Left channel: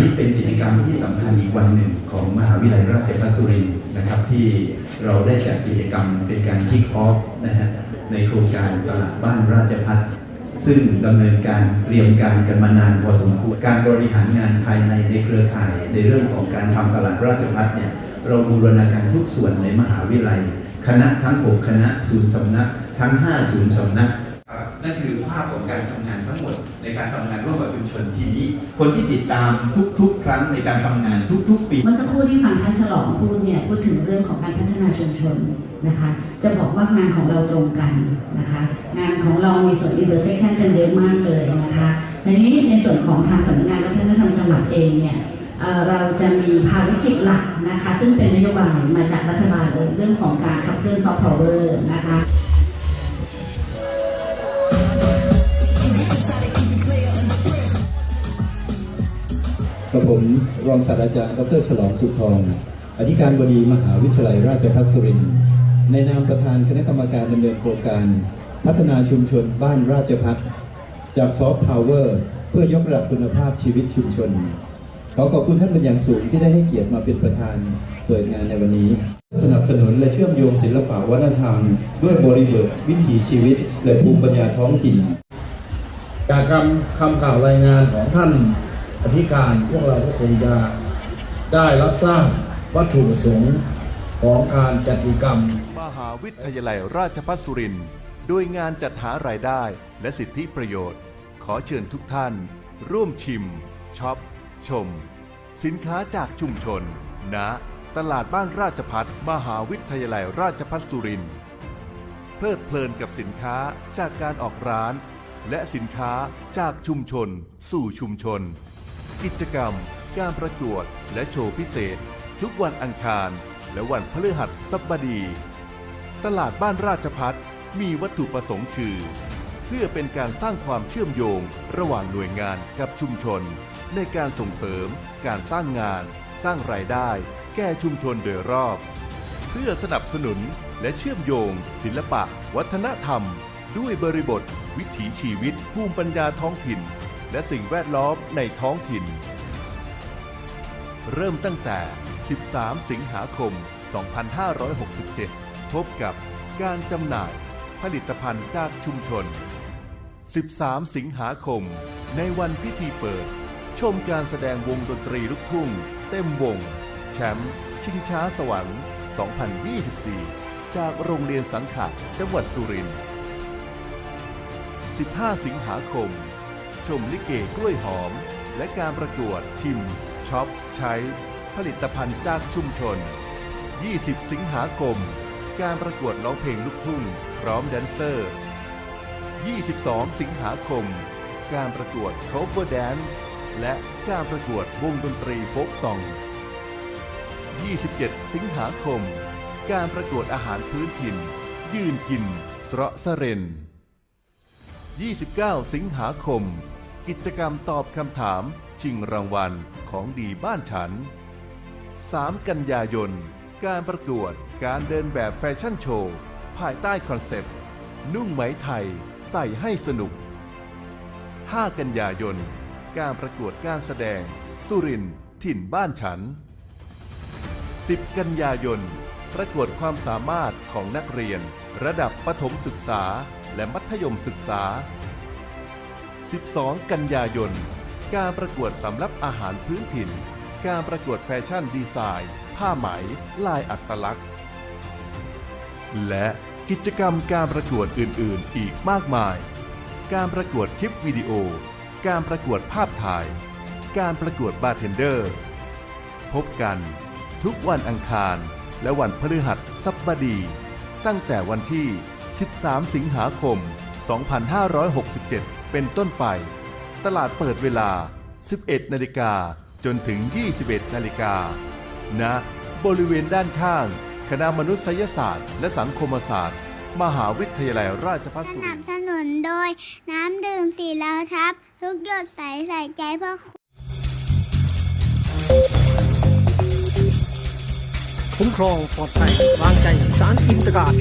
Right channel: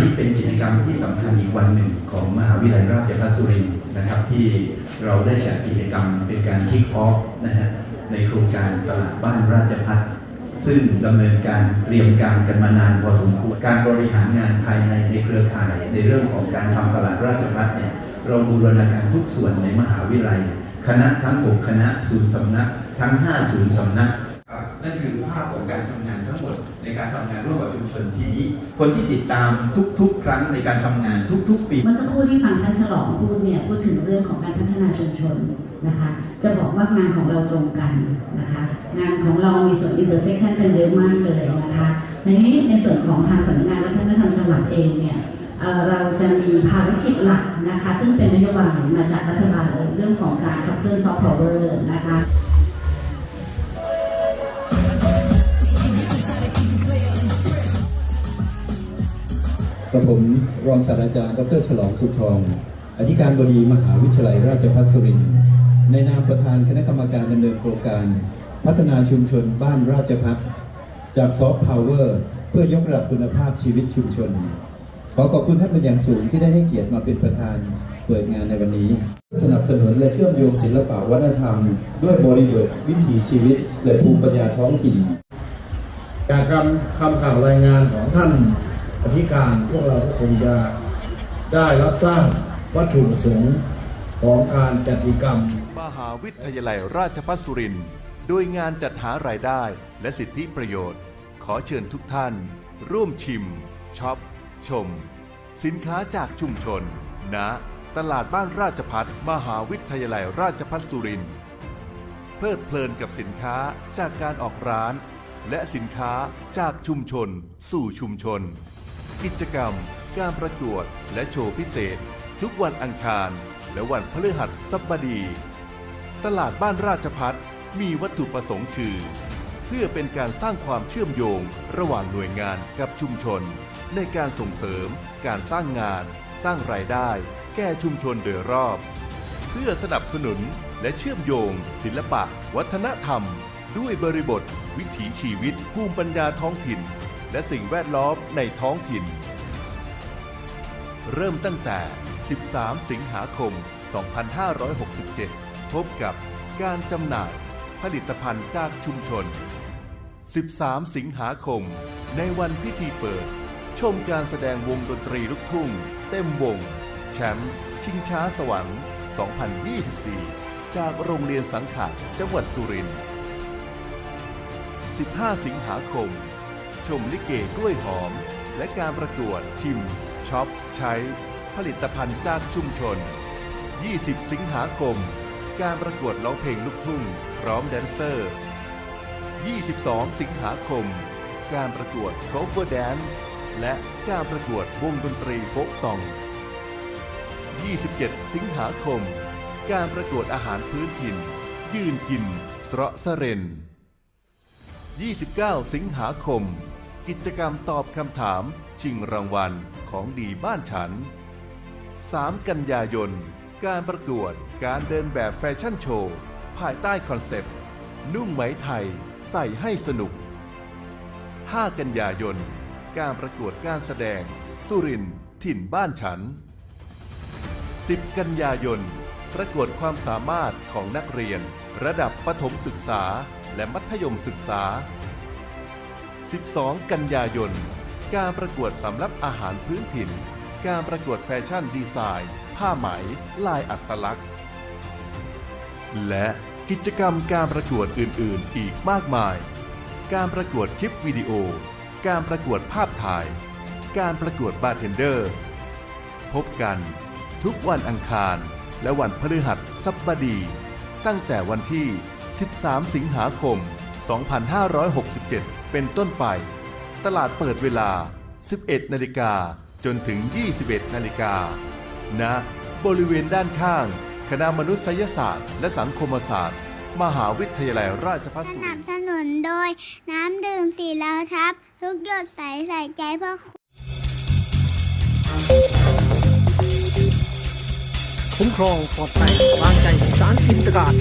นี้เป็นกิจกรรมที่สำคัญอีกวันหนึ่งของมหาวิทยาลัยราชภัฏสุรินทร์นะครับ ที่เราได้จัดกิจกรรมเป็นการคิกออฟนะฮะในโครงการตลาดบ้านราชภัฏซึ่งดำเนินการเตรียมการกันมานานพอสมควรการบริหารงานภายในในเครือข่าย ในเรื่องของการทำตลาดราชภัฏเนี่ยเราบูรณาการทุกส่วนในมหาวิทยาลัย คณะทั้ง 6 คณะศูนย์สำนัก ทั้ง 5 ศูนย์สำนัก นั่นคือภาพของการทำงานทั้งหมดในการทำงานร่วมกับชุมชนทีนี้ คนที่ติดตามทุก ๆ ครั้งในการทำงานทุก ๆ ปีเมื่อสักครู่ที่ฟังท่านฉลองพูดเนี่ยพูดถึงเรื่องของการพัฒนาชุมชนนะคะ จะบอกว่างานของเราตรงกันนะคะ งานของเรามีส่วนอินเตอร์เซ็กชันกันเยอะมากเลยนะคะในนี้ในส่วนของทางสำนักงานวัฒนธรรมจังหวัดเองเนี่ยเเราจะมีภารกิจหลักนะคะ ซึ่งเป็นนโยบายมาจากรัฐบาลเลยเรื่องของการขับเคลื่อนซอฟต์พาวเวอร์นะคะ กับผมรองศาสตราจารย์ดรฉลองสุทอง อธิการบดีมหาวิทยาลัยราชภัฏสุรินทร์ในนามประธานคณะกรรมการดำเนินโครงการ พัฒนาชุมชนบ้านราชภัฏจากซอฟต์พาวเวอร์เพื่อยกระดับคุณภาพชีวิตชุมชน ขอขอบคุณท่านเป็นอย่างสูงที่ได้ให้เกียรติมาเป็นประธานเปิดงานในวันนี้ สนับสนุนและเชื่อมโยงศิลปะวัฒนธรรม ด้วยบริบทวิถีชีวิตและภูมิปัญญาท้องถิ่นจากคำคำข่าวรายงานของท่าน อธิการพวกเราก็คงจะได้รับทราบวัตถุประสงค์ของการจัดกิจกรรม มหาวิทยาลัยราชภัฏสุรินทร์โดยงานจัดหารายได้และสิทธิประโยชน์ ขอเชิญทุกท่าน ร่วมชิมช็อป ชม สินค้าจากชุมชนณตลาดบ้านราชพัฒมหาวิทยาลัยราชภัฏสุรินทร์เพลิดเพลินกับสินค้าจากการออกร้าน และสินค้าจากชุมชน สู่ชุมชน กิจกรรม การประกวด และโชว์พิเศษ ทุกวันอังคาร และวันพฤหัสบดี ตลาดบ้านราชพัฒมีวัตถุประสงค์คือ เพื่อเป็นการสร้างความเชื่อมโยงระหว่างหน่วยงานกับชุมชน ในการส่งเสริม การสร้างงาน สร้างรายได้ แก่ชุมชนโดยรอบ เพื่อสนับสนุนและเชื่อมโยง ศิลปะ วัฒนธรรม ด้วยบริบท วิถีชีวิตภูมิปัญญาท้องถิ่น และสิ่งแวดล้อมในท้องถิ่น เริ่มตั้งแต่ 13 สิงหาคม 2567 พบกับการจำหน่ายผลิตภัณฑ์จากชุมชน 13 สิงหาคม ในวันพิธีเปิด ชมการแสดงวงดนตรีลูกทุ่ง เต็มวง แชมป์ชิงช้าสวรรค์ 2024 จากโรงเรียนสังขะจังหวัดสุรินทร์ 15 สิงหาคม ชมลิเกกล้วยหอม และการประกวดชิมช็อปใช้ ผลิตภัณฑ์จากชุมชน 20 สิงหาคม การประกวดร้องเพลงลูกทุ่งพร้อมแดนเซอร์ 22 สิงหาคม การประกวดโคเวอร์แดนและการประกวดวงดนตรีโฟกซอง 27 สิงหาคม การประกวดอาหารพื้นถิ่น ยืนกินเสระสะเรน29 สิงหาคม กิจกรรมตอบคำถามชิงรางวัลของดีบ้านฉัน 3 กันยายน การประกวดการเดินแบบแฟชั่นโชว์ ภายใต้คอนเซ็ปต์ นุ่งไหมไทยใส่ให้สนุก 5 กันยายน การประกวดการแสดง สุรินทร์ถิ่นบ้านฉัน 10 กันยายน ประกวดความสามารถของนักเรียน ระดับประถมศึกษาและมัธยมศึกษา 12 กันยายน การประกวดสำรับอาหารพื้นถิ่น การประกวดแฟชั่นดีไซน์ ผ้าไหม ลายอัตลักษณ์ และกิจกรรมการประกวดอื่น ๆ อีกมากมาย การประกวดคลิปวิดีโอ การประกวดภาพถ่าย การประกวดบาร์เทนเดอร์ พบกันทุกวันอังคาร และวันพฤหัสบดี ตั้งแต่วันที่ 13 สิงหาคม 2567 เป็นต้นไป ตลาดเปิดเวลา 11 นาฬิกาจนถึง 21 นาฬิกาณบริเวณด้านข้าง คณะมนุษยศาสตร์ และสังคมศาสตร์ มหาวิทยาลัยราชภัฏสสุรินันบทร์สนุนโดย น้ำดื่มสีเหลาทับ ทุกหยดใสใส่ใจเพื่อคุณคุ้มครองปลอดภัยวางใจสารอินตการ